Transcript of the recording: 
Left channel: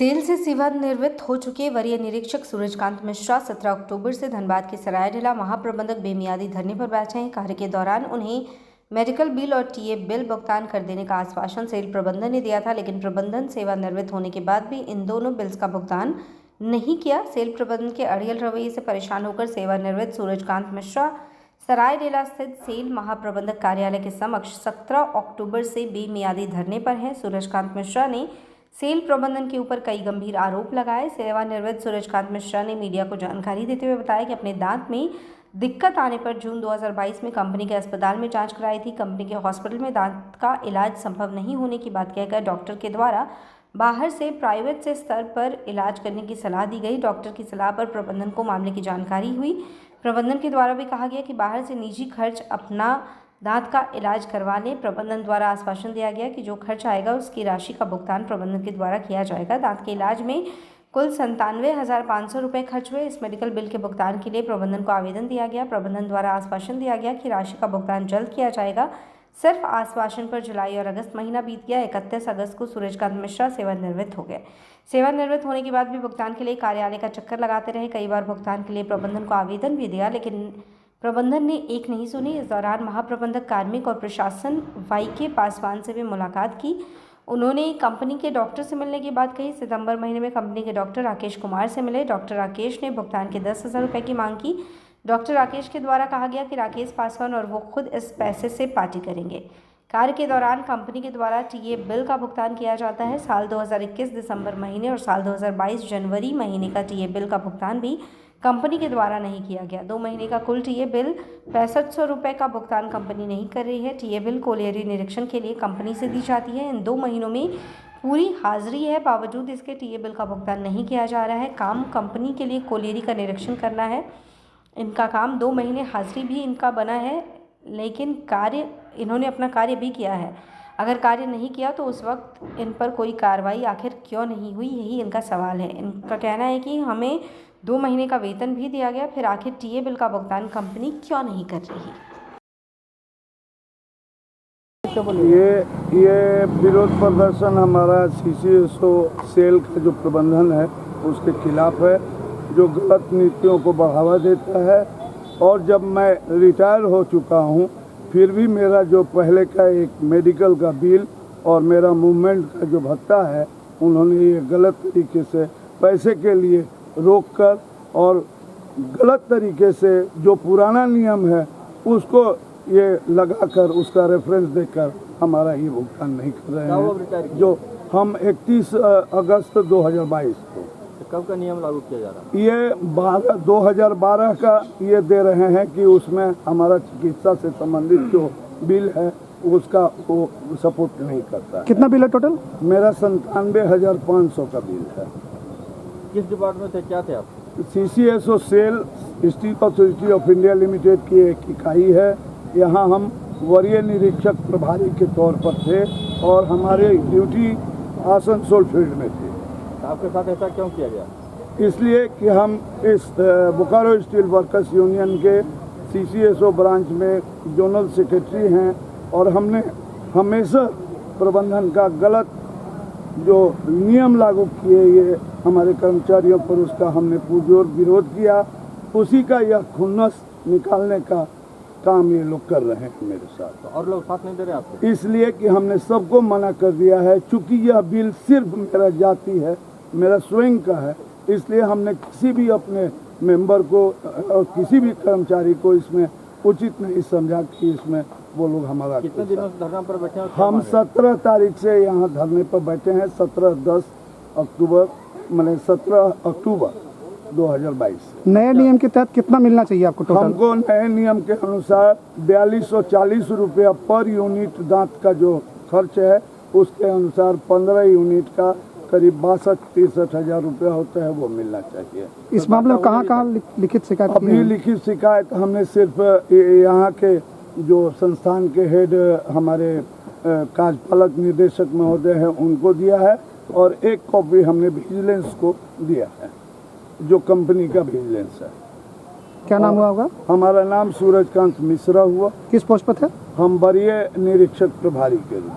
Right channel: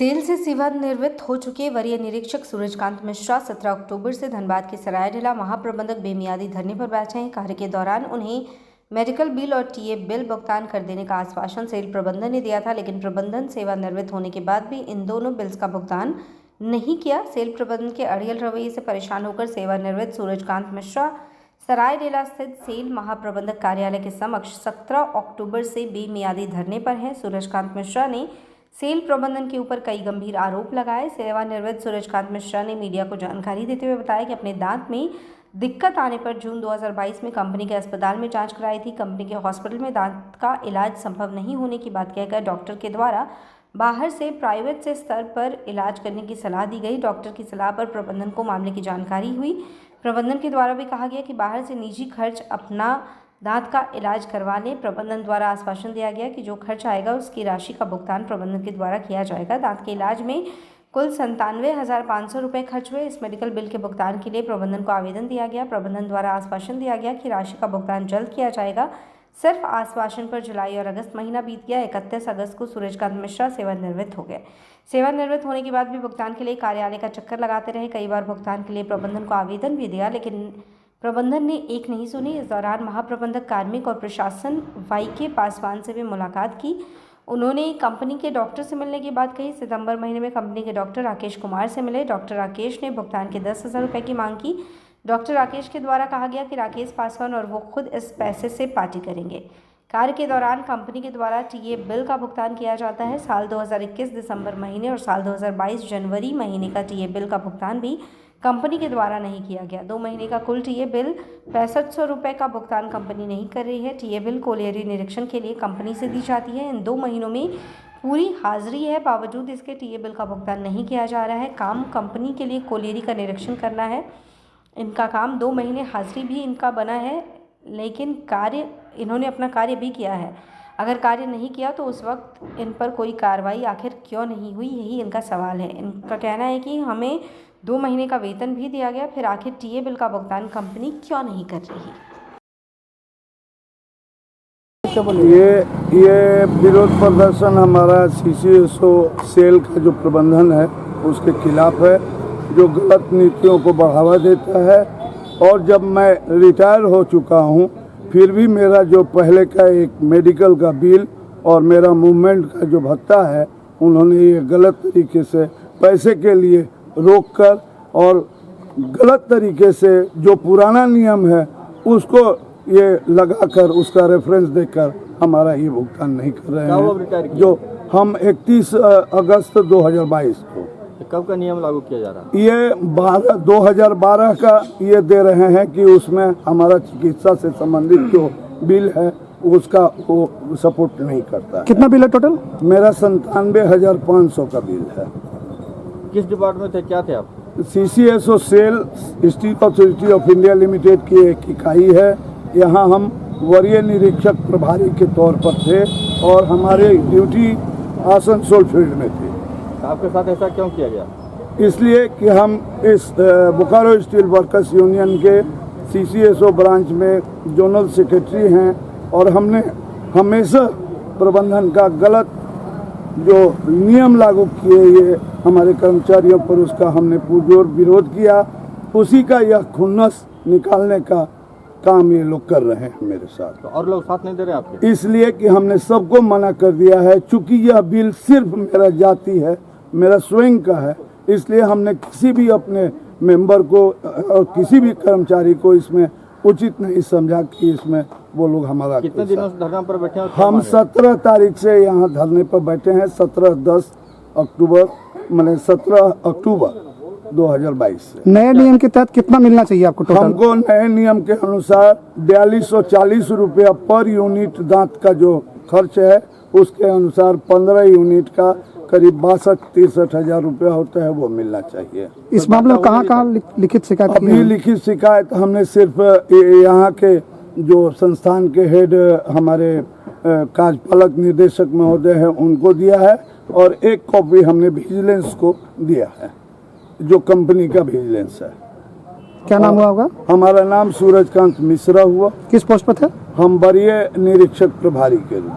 Cell से सेवानिवृत्त हो चुके वरीय निरीक्षक सूरजकांत मिश्रा 17 अक्टूबर से धनबाद के सरायढेला महाप्रबंधक बेमियादी धरने पर बैठे हैं। कार्य के दौरान उन्हें मेडिकल बिल और टीए बिल भुगतान कर देने का आश्वासन सेल प्रबंधन ने दिया था, लेकिन प्रबंधन सेवानिवृत्त होने के बाद भी इन दोनों बिल्स का भुगतान नहीं किया। सेल प्रबंधन के अड़ियल रवैये से परेशान होकर सेवानिवृत्त सूरजकांत मिश्रा सरायढेला स्थित सेल महाप्रबंधक कार्यालय के समक्ष 17 अक्टूबर से बेमियादी धरने पर हैं। सूरजकांत मिश्रा ने सेल प्रबंधन के ऊपर कई गंभीर आरोप लगाए। सेवानिवृत्त सूरजकांत मिश्रा ने मीडिया को जानकारी देते हुए बताया कि अपने दांत में दिक्कत आने पर जून 2022 में कंपनी के अस्पताल में जांच कराई थी। कंपनी के हॉस्पिटल में दांत का इलाज संभव नहीं होने की बात कहकर डॉक्टर के द्वारा बाहर से प्राइवेट से स्तर पर इलाज करने की सलाह दी गई। डॉक्टर की सलाह पर प्रबंधन को मामले की जानकारी हुई। प्रबंधन के द्वारा भी कहा गया कि बाहर से निजी खर्च अपना दांत का इलाज करवा लें। प्रबंधन द्वारा आश्वासन दिया गया कि जो खर्च आएगा उसकी राशि का भुगतान प्रबंधन के द्वारा किया जाएगा। दांत के इलाज में कुल 97,500 रुपये खर्च हुए। इस मेडिकल बिल के भुगतान के लिए प्रबंधन को आवेदन दिया गया। प्रबंधन द्वारा आश्वासन दिया गया कि राशि का भुगतान जल्द किया जाएगा। सिर्फ आश्वासन पर जुलाई और अगस्त महीना बीत गया। 31 अगस्त को सूरजकांत मिश्रा सेवानिवृत्त हो गए। सेवानिवृत्त होने के बाद भी भुगतान के लिए कार्यालय का चक्कर लगाते रहे। कई बार भुगतान के लिए प्रबंधन को आवेदन भी दिया, लेकिन प्रबंधन ने एक नहीं सुनी। इस दौरान महाप्रबंधक कार्मिक और प्रशासन वाईके पासवान से भी मुलाकात की। उन्होंने कंपनी के डॉक्टर से मिलने की बात कही। सितंबर महीने में कंपनी के डॉक्टर राकेश कुमार से मिले। डॉक्टर राकेश ने भुगतान के 10,000 रुपये की मांग की। डॉक्टर राकेश के द्वारा कहा गया कि राकेश पासवान और वो खुद इस पैसे से पार्टी करेंगे। कार्य के दौरान कंपनी के द्वारा टीए बिल का भुगतान किया जाता है। साल 2021 दिसंबर महीने और साल 2022 जनवरी महीने का टीए बिल का भुगतान भी कंपनी के द्वारा नहीं किया गया। 2 महीने का कुल टीए बिल 6500 रुपये का भुगतान कंपनी नहीं कर रही है। टीए बिल कोलियरी निरीक्षण के लिए कंपनी से दी जाती है। इन 2 महीनों में पूरी हाजिरी है, बावजूद इसके टीए बिल का भुगतान नहीं किया जा रहा है। काम कंपनी के लिए कोलियरी का निरीक्षण करना है। इनका काम 2 महीने हाजिरी भी इनका बना है, लेकिन इन्होंने अपना कार्य भी किया है। अगर कार्य नहीं किया तो उस वक्त इन पर कोई कार्रवाई आखिर क्यों नहीं हुई, यही इनका सवाल है। इनका कहना है कि हमें 2 महीने का वेतन भी दिया गया, फिर आखिर टीए बिल का भुगतान कंपनी क्यों नहीं कर रही। ये विरोध प्रदर्शन हमारा सीसीएसओ सेल का जो प्रबंधन है उसके खिलाफ है, जो गलत नीतियों को बढ़ावा देता है। और जब मैं रिटायर हो चुका हूँ फिर भी मेरा जो पहले का एक मेडिकल का बिल और मेरा मूवमेंट का जो भत्ता है उन्होंने ये गलत तरीके से पैसे के लिए रोककर और गलत तरीके से जो पुराना नियम है उसको ये लगाकर उसका रेफरेंस देकर हमारा ये भुगतान नहीं कर रहे हैं। जो हम 31 अगस्त 2022 को कब का नियम लागू किया जा रहा है? ये 2012 का ये दे रहे हैं कि उसमें हमारा चिकित्सा से संबंधित जो बिल है उसका वो सपोर्ट नहीं करता। कितना बिल है टोटल? मेरा 97,500 का बिल है। किस डिपार्टमेंट थे, क्या थे आप? CCSO SAIL Steel Authority of India Limited की एक इकाई है। यहाँ हम वरीय निरीक्षक प्रभारी के तौर पर थे और हमारे ड्यूटी आसनसोल फील्ड में थी। आपके साथ ऐसा क्यों किया गया? इसलिए कि हम इस बोकारो स्टील वर्कर्स यूनियन के सीसीएसओ ब्रांच में जोनल सेक्रेटरी हैं और हमने हमेशा प्रबंधन का गलत जो नियम लागू किए ये हमारे कर्मचारियों पर उसका हमने पुरजोर विरोध किया। उसी का यह खुन्नस निकालने का काम ये लोग कर रहे हैं मेरे साथ। तो और लोग साथ नहीं दे रहे आपके? इसलिए कि हमने सबको मना कर दिया है। चूंकि यह बिल सिर्फ मेरा जाति है, मेरा स्वयं का है, इसलिए हमने किसी भी अपने मेंबर को और किसी भी कर्मचारी को इसमें उचित नहीं समझा कि इसमें वो लोग हमारा। कितने दिनों से धरना पर बैठे हैं? हम 17 तारीख से यहाँ धरने पर बैठे हैं। 17 अक्टूबर 2022 से। नए नियम के तहत कितना मिलना चाहिए आपको टोटल? हमको नए नियम के अनुसार 4240 रुपया पर यूनिट दांत का जो खर्च है उसके अनुसार 15 यूनिट का करीब 62-63 हजार रुपया होता है, वो मिलना चाहिए। इस मामले में कहाँ लिखित शिकायत? अभी लिखित शिकायत हमने सिर्फ यहाँ के जो संस्थान के हेड हमारे कार्यपालक निदेशक महोदय हैं उनको दिया है और एक कॉपी हमने विजिलेंस को दिया है, जो कंपनी का विजिलेंस है। क्या नाम हुआ होगा? हमारा नाम सूरजकांत मिश्रा हुआ। किस पोस्ट पर थे? हम वरीय निरीक्षक प्रभारी के लिए।